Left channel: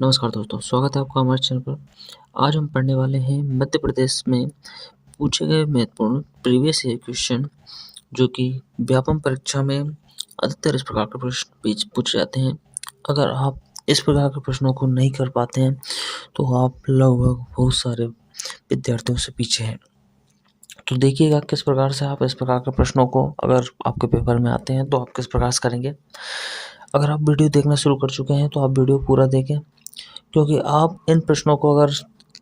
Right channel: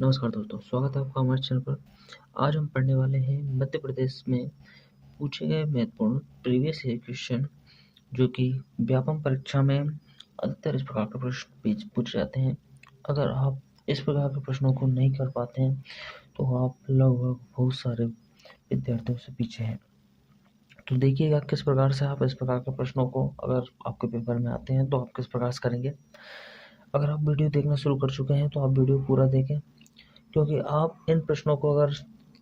नमस्कार दोस्तों, स्वागत है आपका हमारे चैनल पर। आज हम पढ़ने वाले हैं मध्य प्रदेश में पूछे गए महत्वपूर्ण प्रीवियस ईयर क्वेश्चन, जो कि व्यापम परीक्षा में अधिकतर इस प्रकार के प्रश्न पूछे जाते हैं। अगर आप इस प्रकार के प्रश्नों को नहीं कर पाते हैं तो आप लगभग बहुत सारे विद्यार्थियों से पीछे हैं। तो देखिएगा किस प्रकार से आप इस प्रकार के प्रश्नों को, अगर आपके पेपर में आते हैं तो आप किस प्रकार से करेंगे। अगर आप वीडियो देखना शुरू कर चुके हैं तो आप वीडियो पूरा देखें, क्योंकि आप इन प्रश्नों को अगर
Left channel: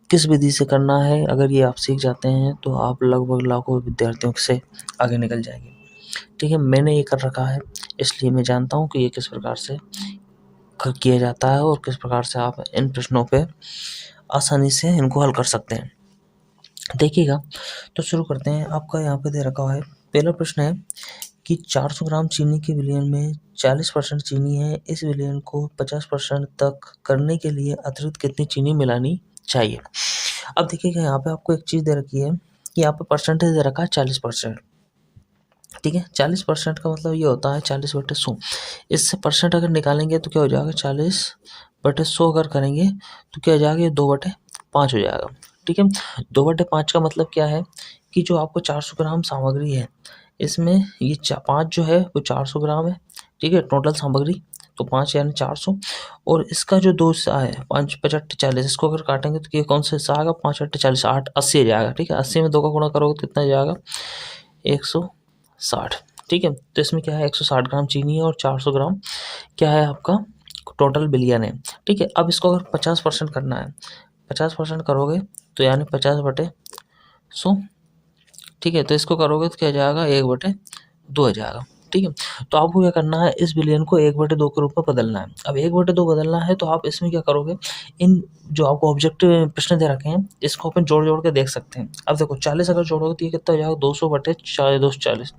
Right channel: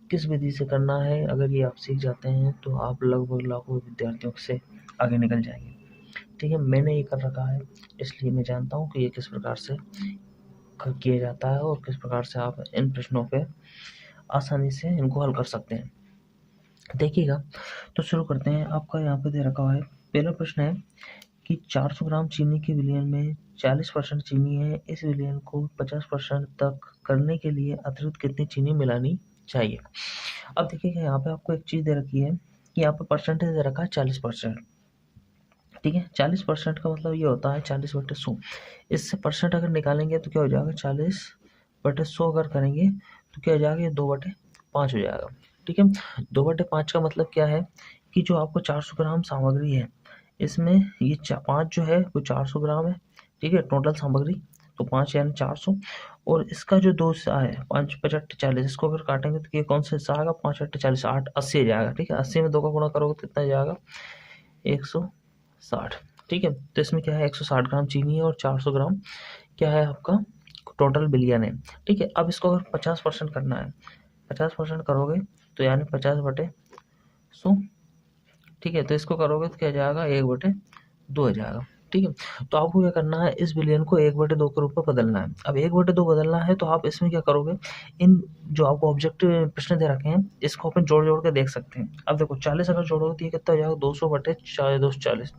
किस विधि से करना है, अगर ये आप सीख जाते हैं तो आप लगभग लाखों विद्यार्थियों से आगे निकल जाएंगे। ठीक है, मैंने ये कर रखा है, इसलिए मैं जानता हूँ कि ये किस प्रकार से किया जाता है और किस प्रकार से आप इन प्रश्नों पे आसानी से इनको हल कर सकते हैं। देखिएगा, तो शुरू करते हैं। आपका यहाँ पे दे रखा है, पहला प्रश्न है कि 400 ग्राम चीनी के विलयन में 40% चीनी है। इस विलयन को 50% तक करने के लिए अतिरिक्त कितनी चीनी मिलानी चाहिए। अब देखिएगा, यहाँ पे आपको एक चीज़ दे रखी है कि यहाँ पे परसेंटेज दे रखा है 40%। ठीक है, 40% का मतलब ये होता है 40/100। इससे परसेंट अगर निकालेंगे तो क्या हो जाएगा, 40/100 अगर करेंगे तो क्या हो जाएगा, ये 2/5 हो जाएगा। ठीक है, 2/5 का मतलब क्या है कि जो आपको 400 ग्राम सामग्री है, इसमें ये 5 जो है वो 400 ग्राम है। ठीक है, टोटल सामग्री तो 5 यानी 400, और इसका जो 2 हिस्सा है 5 5 40, इसको अगर काटेंगे तो ये कौन सा हिस्सा आएगा, 5 40 8 80 आ जाएगा। ठीक है, 80 में 2 का गुणा करोगे तो कितना जाएगा, 160। ठीक है, तो इसमें क्या है, 160 ग्राम चीनी है और 400 ग्राम क्या है आपका टोटल विलयन है। ठीक है, अब इसको अगर 50% करना है, 50% करोगे तो यानी 50/100। ठीक है, तो इसको करोगे तो क्या जाएगा, 1/2 आ जाएगा। ठीक है, तो आपको क्या करना है, इस विलयन को 1/2 के रूप में बदलना है। अब 1/2 बदलना है तो आप इसमें क्या करोगे, इन जो आपको ऑब्जेक्ट प्रश्न दे रखे हैं इसको अपन जोड़ जोड़ के देख सकते हैं। अब देखो, 40 अगर जोड़ोगे तो ये कितना हो जाएगा, 200/240।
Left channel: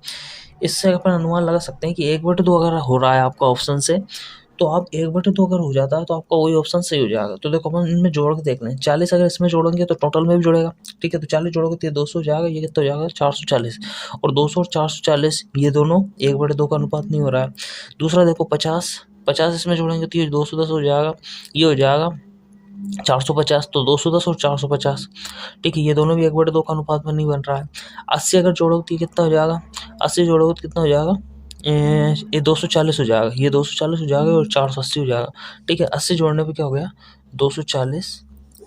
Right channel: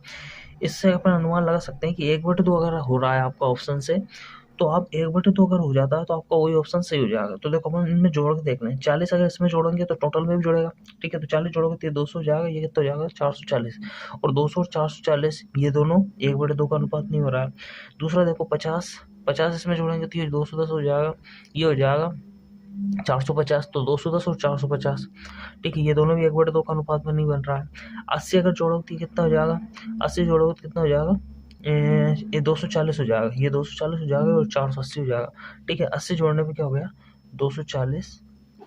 इससे अपन अनुमान लगा सकते हैं कि 1/2 अगर हो रहा है आपका ऑप्शन से, तो आप 1/2 अगर हो जाता है तो आपका वही ऑप्शन सही हो जाएगा। तो देखो, अपन इनमें जोड़ के देख लें, 40 अगर इसमें जोड़ेंगे तो टोटल में भी जुड़ेगा। ठीक है, तो 40 जोड़ोगे तो ये 200 हो जाएगा, ये कितना हो जाएगा, 440। और 200 और 440 ये दोनों 1/2 का अनुपात नहीं हो रहा है। दूसरा देखो, 50 50 इसमें जोड़ेंगे तो ये 210 हो जाएगा, ये हो जाएगा 450। तो 210 और 450, ठीक है, ये दोनों भी 1/2 का अनुपात में नहीं बन रहा है। 80 अगर जोड़ोगे तो ये कितना हो जाएगा, 80 जोड़ोगे तो कितना हो जाएगा, ये 240 हो जाएगा, ये 240 हो जाएगा और 480 हो जाएगा। ठीक है, 80 जोड़ने पे क्या हो गया, 240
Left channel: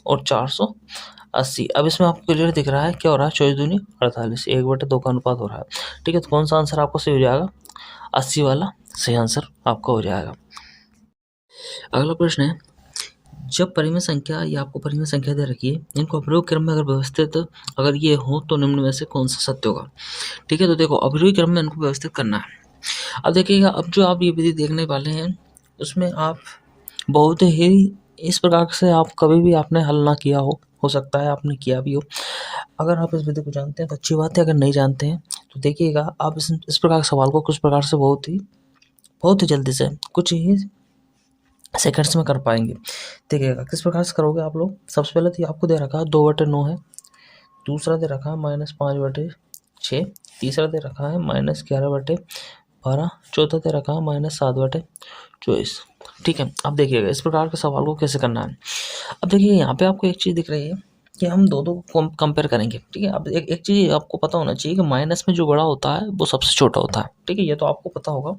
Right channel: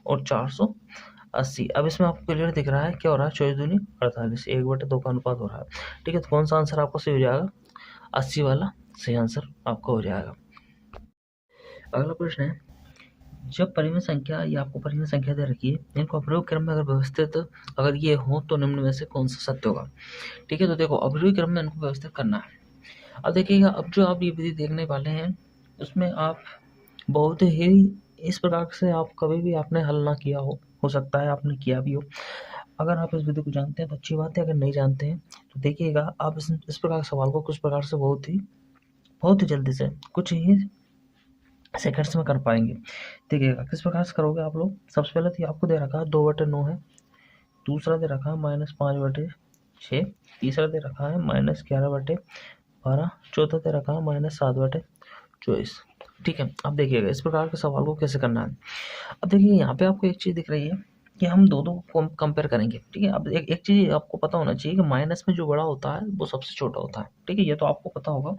और 480। अब इसमें आपको क्लियर दिख रहा है क्या हो रहा है, 24 दूनी 48, 1/2 का अनुपात हो रहा है। ठीक है, तो कौन सा आंसर आपका सही हो जाएगा, 80 वाला सही आंसर आपका हो जाएगा। अगला प्रश्न है, जब परिमेय संख्या या आपको परिमेय संख्या दे रखी है, इनको अवरोही क्रम में अगर व्यवस्थित अगर ये हो तो निम्न में से कौन सा सत्य होगा। ठीक है, तो देखो, अवरोही क्रम में इनको व्यवस्थित करना है। अब देखिएगा, अब जो आप ये विधि देखने वाले हैं उसमें आप बहुत ही इस प्रकार से आप कभी भी आपने हल ना किया हो सकता है आपने किया भी हो। अगर आप इस विधि को जानते हैं तो अच्छी बात है, अगर नहीं जानते हैं तो देखिएगा, आप इस प्रकार के सवाल को कुछ प्रकार से बहुत ही जल्दी से कुछ ही सेकंड्स में कर पाएंगे। देखिएगा किस प्रकार से करोगे आप लोग। सबसे पहले तो आपको दे रखा है 2/9 है, दूसरा दे रखा है -5/6, तीसरा दे रखा है -11/12, चौथा दे रखा है -7/24। ठीक है, अब देखिएगा इस प्रकार के सवाल को कैसे करना है। अब देखिए, यहाँ पे आपको एक चीज़ दिख रही है कि हम दो को कंपेयर करेंगे। ठीक है, अब एक चीज़ आपको पता होना चाहिए कि माइनस में जो बड़ा होता है वो सबसे छोटा होता है। ठीक है, ये तो आपको पता होगा,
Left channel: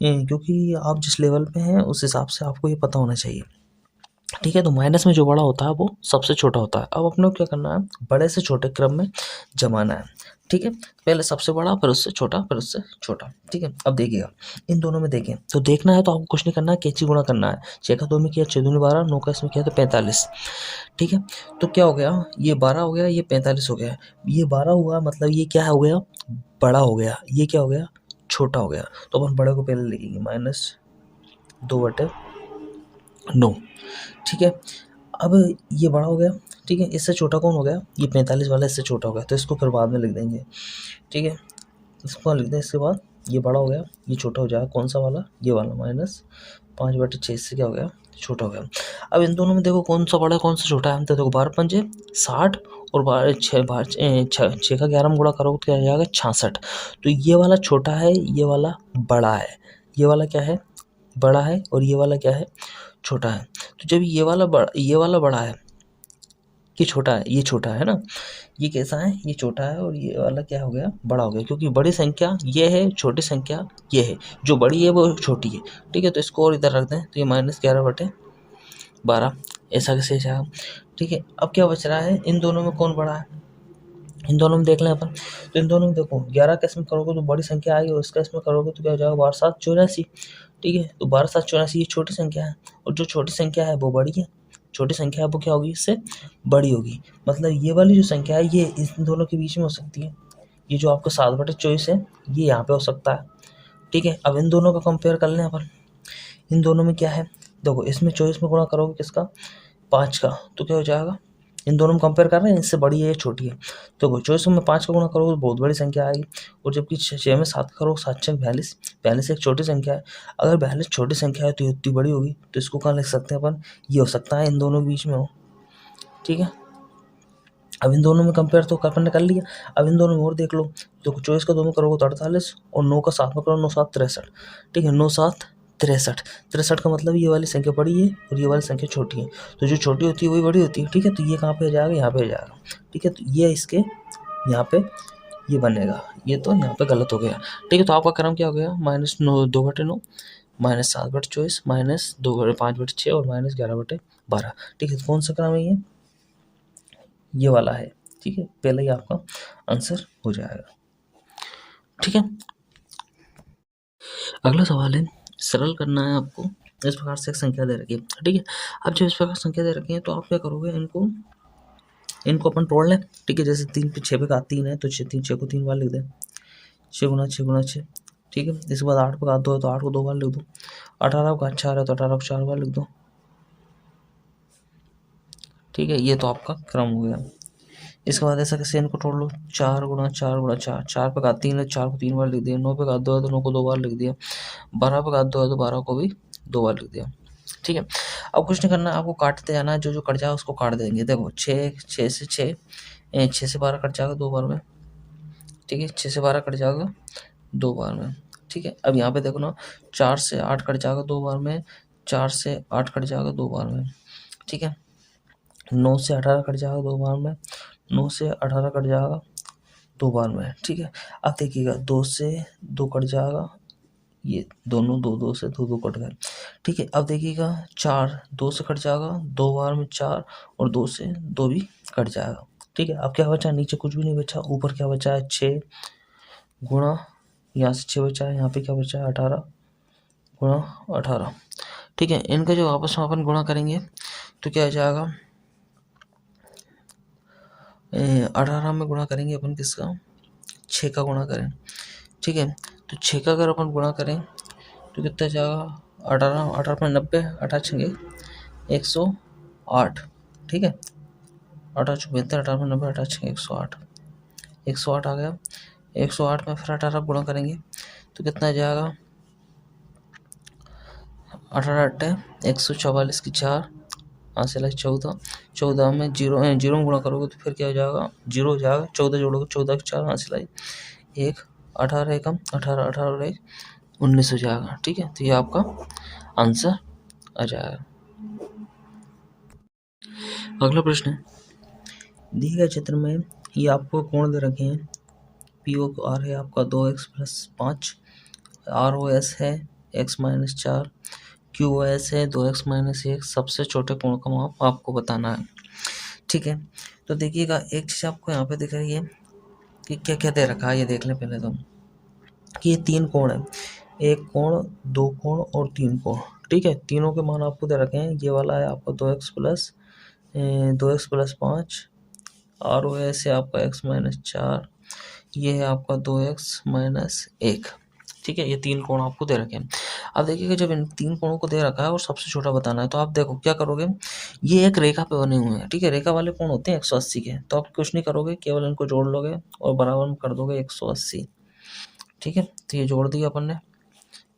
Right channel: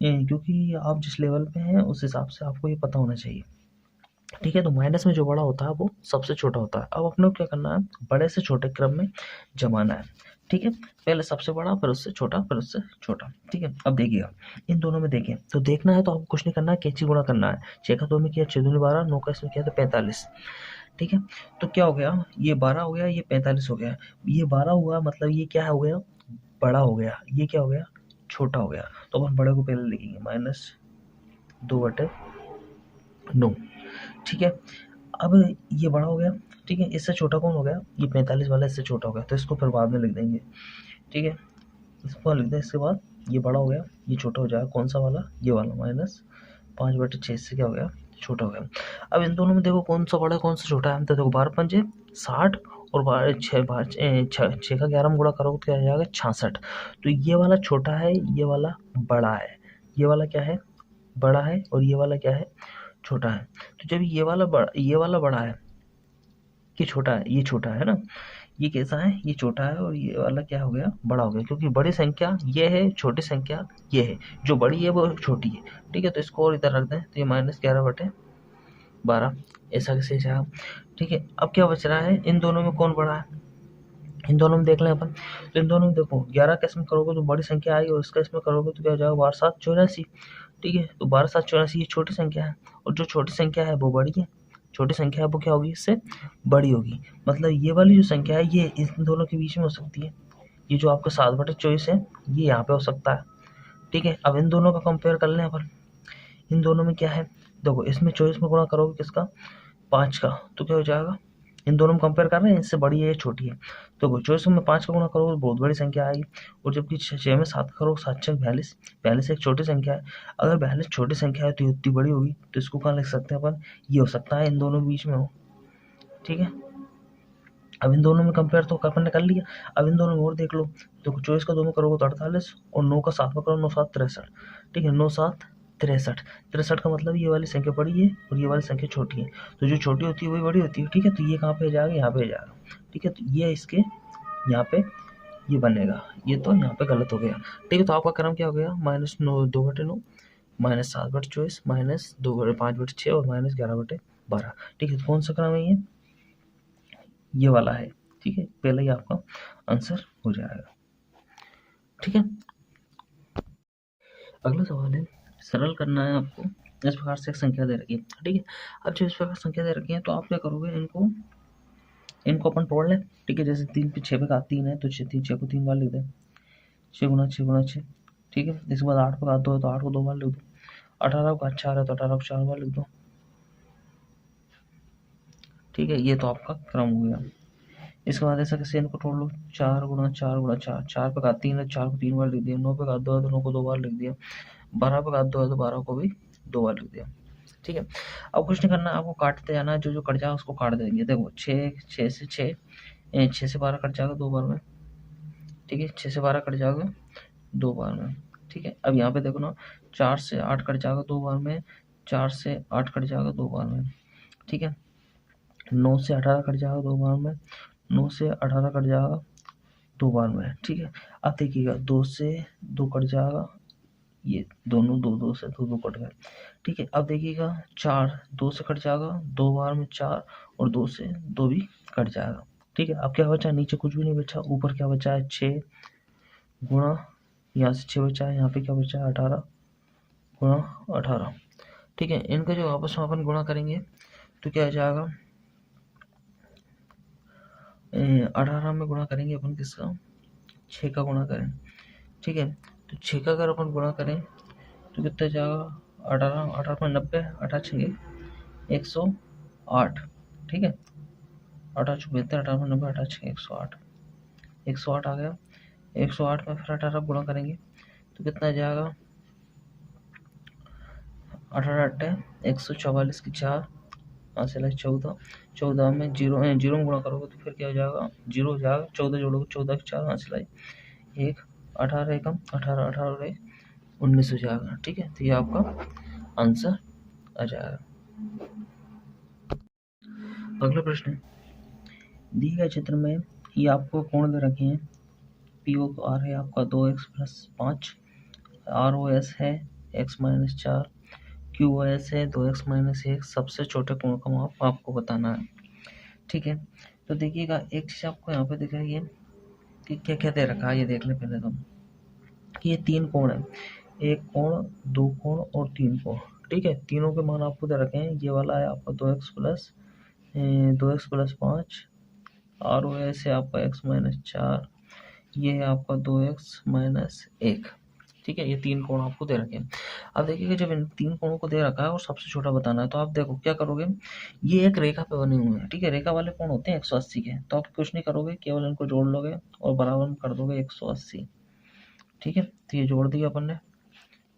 क्योंकि आप जिस लेवल पे हैं उस हिसाब से आपको ये पता होना चाहिए। ठीक है, तो माइनस में जो बड़ा होता है वो सबसे छोटा होता है। अब अपने को क्या करना है, बड़े से छोटे क्रम में जमाना है। ठीक है, पहले सबसे बड़ा, फिर उससे छोटा, फिर उससे छोटा। ठीक है, अब देखिएगा, इन दोनों में देखें तो देखना है तो आपको कुछ नहीं करना है, कैची गुणा करना है। 6 का 2 में किया, 6 दूनी 12, 9 का इसमें किया तो 45। ठीक है, तो क्या हो गया, ये 12 हो गया, ये 45 हो गया। ये 12 हुआ मतलब ये क्या हो गया, बड़ा हो गया। ये क्या हो गया, छोटा हो गया। तो अपन बड़े को पहले लिखेंगे, -2/9। ठीक है, अब ये बड़ा हो गया। ठीक है, इससे छोटा कौन हो गया, ये 45 वाला इससे छोटा हो गया, तो इसको फिर बाद में लिख देंगे। ठीक है, इसको लिख दें, इसके बाद ये बड़ा हो गया, ये छोटा हो जाएगा, कौन सा वाला, ये वाला, -5/6 से क्या हो गया, छोटा हो गया। अब इन दोनों में देखो कौन सा बड़ा है कौन सा छोटा है, तो देखो 12×5 = 60 और 6 का 11 में गुणा करोगे तो क्या हो जाएगा, 66। तो ये वाला छोटा है, ये वाला बड़ा है, ये वाला क्या है, बड़ा है, और ये वाला क्या है, छोटा है। तो जब ये वाला बड़ा है, ये छोटा है, ये छोटा है ना, ये कैसा है, ये छोटा है और ये वाला क्या हो गया, बड़ा हो गया, क्योंकि बड़ी संख्या ये है, छोटी संख्या ये है, जो बड़ी है वो छोटी है। ठीक है, तो इसको और इधर रख दें तो ये -11/12 ऐसा कैसे जाएगा। ठीक है, अब क्या बच रहा है, इन दोनों में कौन बड़ा है, इन दोनों में देख लें अपन। तो इन दोनों में देखो 11 का इसमें करोगे तो बड़ी संख्या आएगी और इसका इसमें करोगे तो क्या हो जाएगा, 12×7=84। ठीक है, तो 12×7=84 ये छोटी संख्या है और जो छोटी संख्या है वो बड़ी है, छोटी संख्या है वो क्या होगी, इससे बड़ी होगी। मतलब ये वाली जो संख्या है ये इन दोनों के बीच में हो सकती है। ये जो आपका 7/24 है ये यहाँ पे हो सकता है। ठीक है, अब इन दोनों का कंपेयर कर लें अपन। इन दोनों में क्या है, देखो इसमें 24 में गुणा करोगे किसका, 5 का, तो क्या हो जाएगा, इन दोनों में कंपेयर कर रहे हैं, इससे बड़ी है या छोटी है। तो 24 में 5 का गुणा करोगे तो बहुत बड़ी संख्या आएगी, और जबकि 6 में 7 करोगे, 7×6=42। 42 एक छोटी संख्या है। अगर 42 छोटी संख्या है तो ये उतनी बड़ी होगी, तो इसको कहाँ लिख सकते हैं अपन, ये हो सकता है इन दोनों के बीच में हो। ठीक है, अब इन दोनों में कंपेयर तो अपन ने कर लिया, अब इन दोनों में और देख लो। तो 24 का 2 में करोगे तो 48 और 9 का 7 में करो 9×7=63। ठीक है, 9×7=63। 63 का मतलब ये वाली संख्या बड़ी है और ये वाली संख्या छोटी है, तो जो छोटी होती है वही बड़ी होती है। ठीक है, तो ये कहाँ पे जाएगा, यहाँ पे जाएगा। ठीक है, तो ये इसके यहाँ पे ये बनेगा, ये तो यहाँ पे गलत हो गया। ठीक है, तो आपका क्रम क्या हो गया, -2/9 -7/24 -5/6 और -11/12। ठीक है, तो कौन सा क्रम है ये वाला है। ठीक है, पहले ही आपका आंसर हो जाएगा। ठीक है, अगला सवाल है, सरल करना है आपको। इस प्रकार से एक संख्या दे रखी है। ठीक है, अब जब इस प्रकार संख्या दे रखी है तो आप क्या करोगे, इनको अपन तोड़ लें। ठीक है, जैसे 3 पे 6 पे का 3 है तो 6 को 3 बार लिख दें, 6×6×6। ठीक है, इसके बाद 8 पे का 2 है तो 8 को 2 बार लिख दो, 18 का 4 है तो 18 को 4 बार लिख दो। ठीक है, ये तो आपका क्रम हो गया। इसके बाद ऐसा कैसे इनको तोड़ लो, 4×4×4, 4 पे का 3 है, 4 को 3 बार लिख दिया, 9 पे का 2 है तो 9 को 2 बार लिख दिया, 12 पे का 2 है तो 12 को भी 2 बार लिख दिया। ठीक है, अब कुछ नहीं करना, आपको काटते जाना है, जो जो कट जाए उसको काट देंगे। देखो 6 से 6, 6 से 12 कट जाएगा 2 बार में। ठीक है, 6 से 12 कट जाएगा 2 बार में। ठीक है, अब यहाँ पे देखो ना, 4 से 8 कट जाएगा 2 बार में, 4 से 8 कट जाएगा 2 बार में। ठीक है, 9 से 18 कट जाएगा 2 बार में, 9 से 18 कट जाएगा 2 बार में। ठीक है, अब देखिएगा 2 से 2 कट जाएगा, ये दोनों 2 से 2 कट गए। ठीक है, अब देखिएगा 4 2 से कट जाएगा 2 बार में 4 और 2 से 2 भी कट जाएगा। ठीक है, अब क्या बचा, नीचे कुछ भी नहीं बचा, ऊपर क्या बचा है 6 गुणा, यहाँ से 6 बचा है, यहाँ पे क्या बचा है 18×18। ठीक है, इनका जब आपस में अपन गुणा करेंगे तो क्या हो जाएगा, 18 में गुणा करेंगे अपन किसका, 6 का गुणा करें। ठीक है, तो 6 का अगर अपन गुणा करें तो कितना जाएगा, 18 पर 90, 18×6=108। ठीक है, 18×6=72, 18×90, 18×6=108, 108 आ गया। 108 में फिर 18 गुणा करेंगे तो कितना जाएगा, 18×8=144 की 4, हासिल है 14, 14 में जीरो में गुणा करोगे तो फिर क्या हो जाएगा, 0 हो जाएगा, 14 जोड़ोगे 14 की 4, हासिल है 1, 18 एकम 18, 18 और 1 19 हो जाएगा। ठीक है, तो ये आपका आंसर आ जाएगा। अगला प्रश्न है, दिए गए चित्र में ये आपको कोण दे रखे हैं, POR है आपका 2x+5, ROS है x-4, QOS है 2x-1, सबसे छोटे कोण का माप आपको बताना है। ठीक है, तो देखिएगा एक चीज़ आपको यहाँ पे दिख रही है कि क्या क्या दे रखा है, ये देख लें पहले तो, कि ये 3 कोण है, 1 कोण, 2 कोण और 3 कोण। ठीक है, तीनों के मान आपको दे रखे हैं। ये वाला है आपका 2x+5, ROS है आपका x-4, ये है आपका 2x-1। ठीक है, ये 3 कोण आपको दे रखे हैं। अब देखिएगा जब इन 3 कोणों को दे रखा है और सबसे छोटा बताना है तो आप देखो क्या करोगे, ये एक रेखा पे बने हुए हैं। ठीक है, रेखा वाले कोण होते हैं 180 के, तो आप कुछ नहीं करोगे, केवल इनको जोड़ लोगे और बराबर में कर दोगे 180। ठीक है, तो ये जोड़ दिया अपन ने,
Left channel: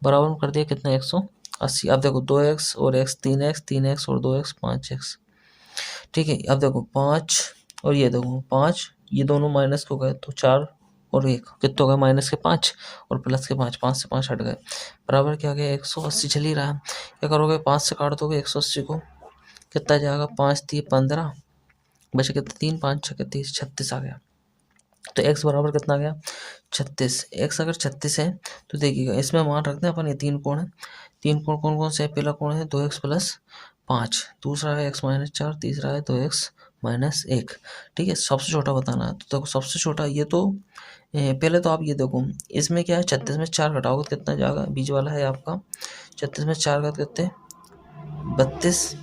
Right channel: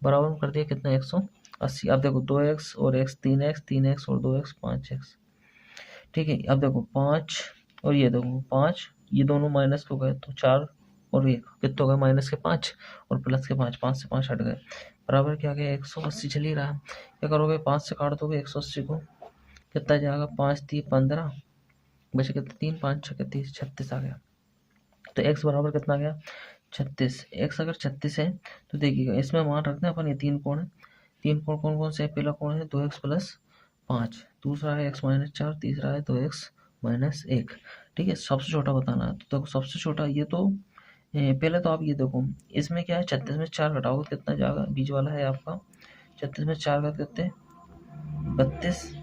बराबर में कर दिया कितना 180। अब देखो 2x और x, 3x, 3x और 2x 5x। ठीक है, अब देखो 5 और ये देखो 5, ये दोनों माइनस को गए तो 4 और 1 कितने हो गए, माइनस के 5 और प्लस के 5, 5 से 5 हट गए, बराबर क्या आ गया 180 चल ही रहा है। क्या करोगे, 5 से काट दोगे 180 को, कितना जाएगा 5 3 15, बचे कितने 3 5 6 30, 36 आ गया। तो x बराबर कितना आ गया 36। x अगर 36 है तो देखिएगा इसमें मान रखते हैं अपन, ये 3 कोण है, 3 कोण कौन कौन से है, पहला कोण है 2x प्लस 5, दूसरा है x माइनस 4, तीसरा है 2x माइनस 1। ठीक है, सबसे छोटा बताना है तो देखो सबसे छोटा ये तो पहले तो आप ये देखो इसमें क्या है, 36 में 4 घटाओगे तो कितना जाएगा, बीच वाला है आपका 36 में 4 का कितने 32,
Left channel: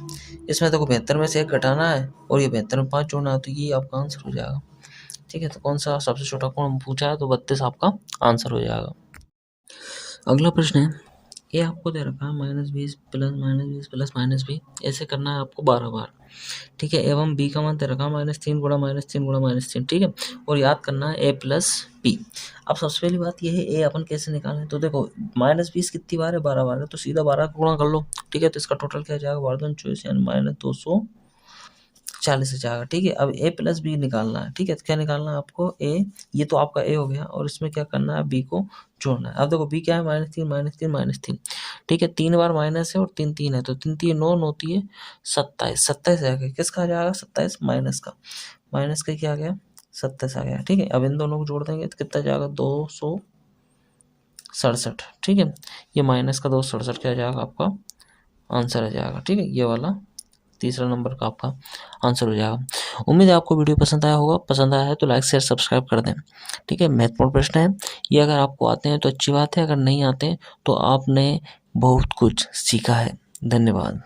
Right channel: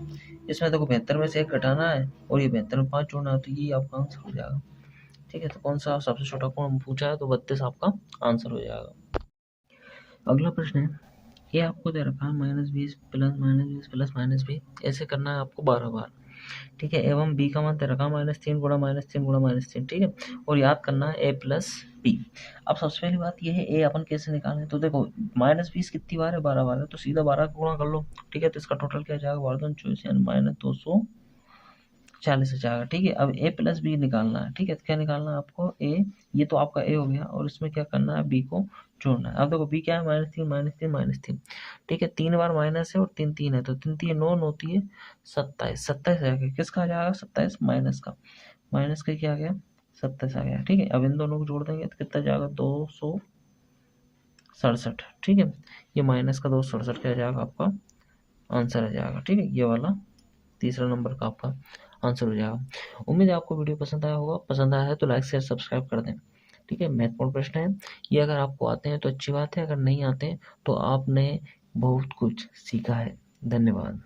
इसमें देखो 72 में से 1 घटाना है और ये 72 में 5 जोड़ना है, तो ये आपका आंसर हो जाएगा। ठीक है, तो कौन सा सबसे छोटा कोण पूछा है, तो 32 आपका आंसर हो जाएगा। अगला प्रश्न है, ये आपको दे रखा है -20 प्लस -20 प्लस -20, ऐसे करना है आपको 12 बार। ठीक है, एवं b का मान दे रखा है -3 गुणा -3 गुणा -3। ठीक है, और याद करना है a प्लस b। अब सबसे पहली बात ये है a अपन कैसे निकालें, तो देखो -20 कितनी बार है, 12 बार है, तो सीधा 12 का गुणा कर लो। ठीक है, तो इसका टोटल क्या जाएगा, 12 यानी -240 जाएगा। ठीक है, अब a प्लस बी निकालना है। ठीक है, तो क्या निकालना है आपको, a, ये तो आपका a हो गया, और इसमें क्या करना है, b को जोड़ना है। अब देखो b क्या है, -3 -3 -3। ठीक है, 3 बार माइनस है और 3 3 है, तो 3 3 9 होती है 27, 27 आ गया, किसका आ जाएगा 27, माइनस का, माइनस का क्या आ गया 27 आ गया। ठीक है, अब इन दोनों को जोड़ देंगे तो कितना जाएगा 267। ठीक है, ये माइनस का 267 क्या जाएगा आपका आंसर आ जाएगा। ठीक है, ये वाला तीसरा नंबर का आपका आंसर हो जाएगा। उम्मीद है आपको वीडियो पसंद आया होगा, पसंद आया है तो लाइक शेयर सब्सक्राइब कर दें। ठीक है, महत्वपूर्ण प्रश्न है ये, अगर आपको आते हैं तो अच्छी बात है, अगर नहीं आते तो आपने बहुत कुछ सीखा है। धन्यवाद।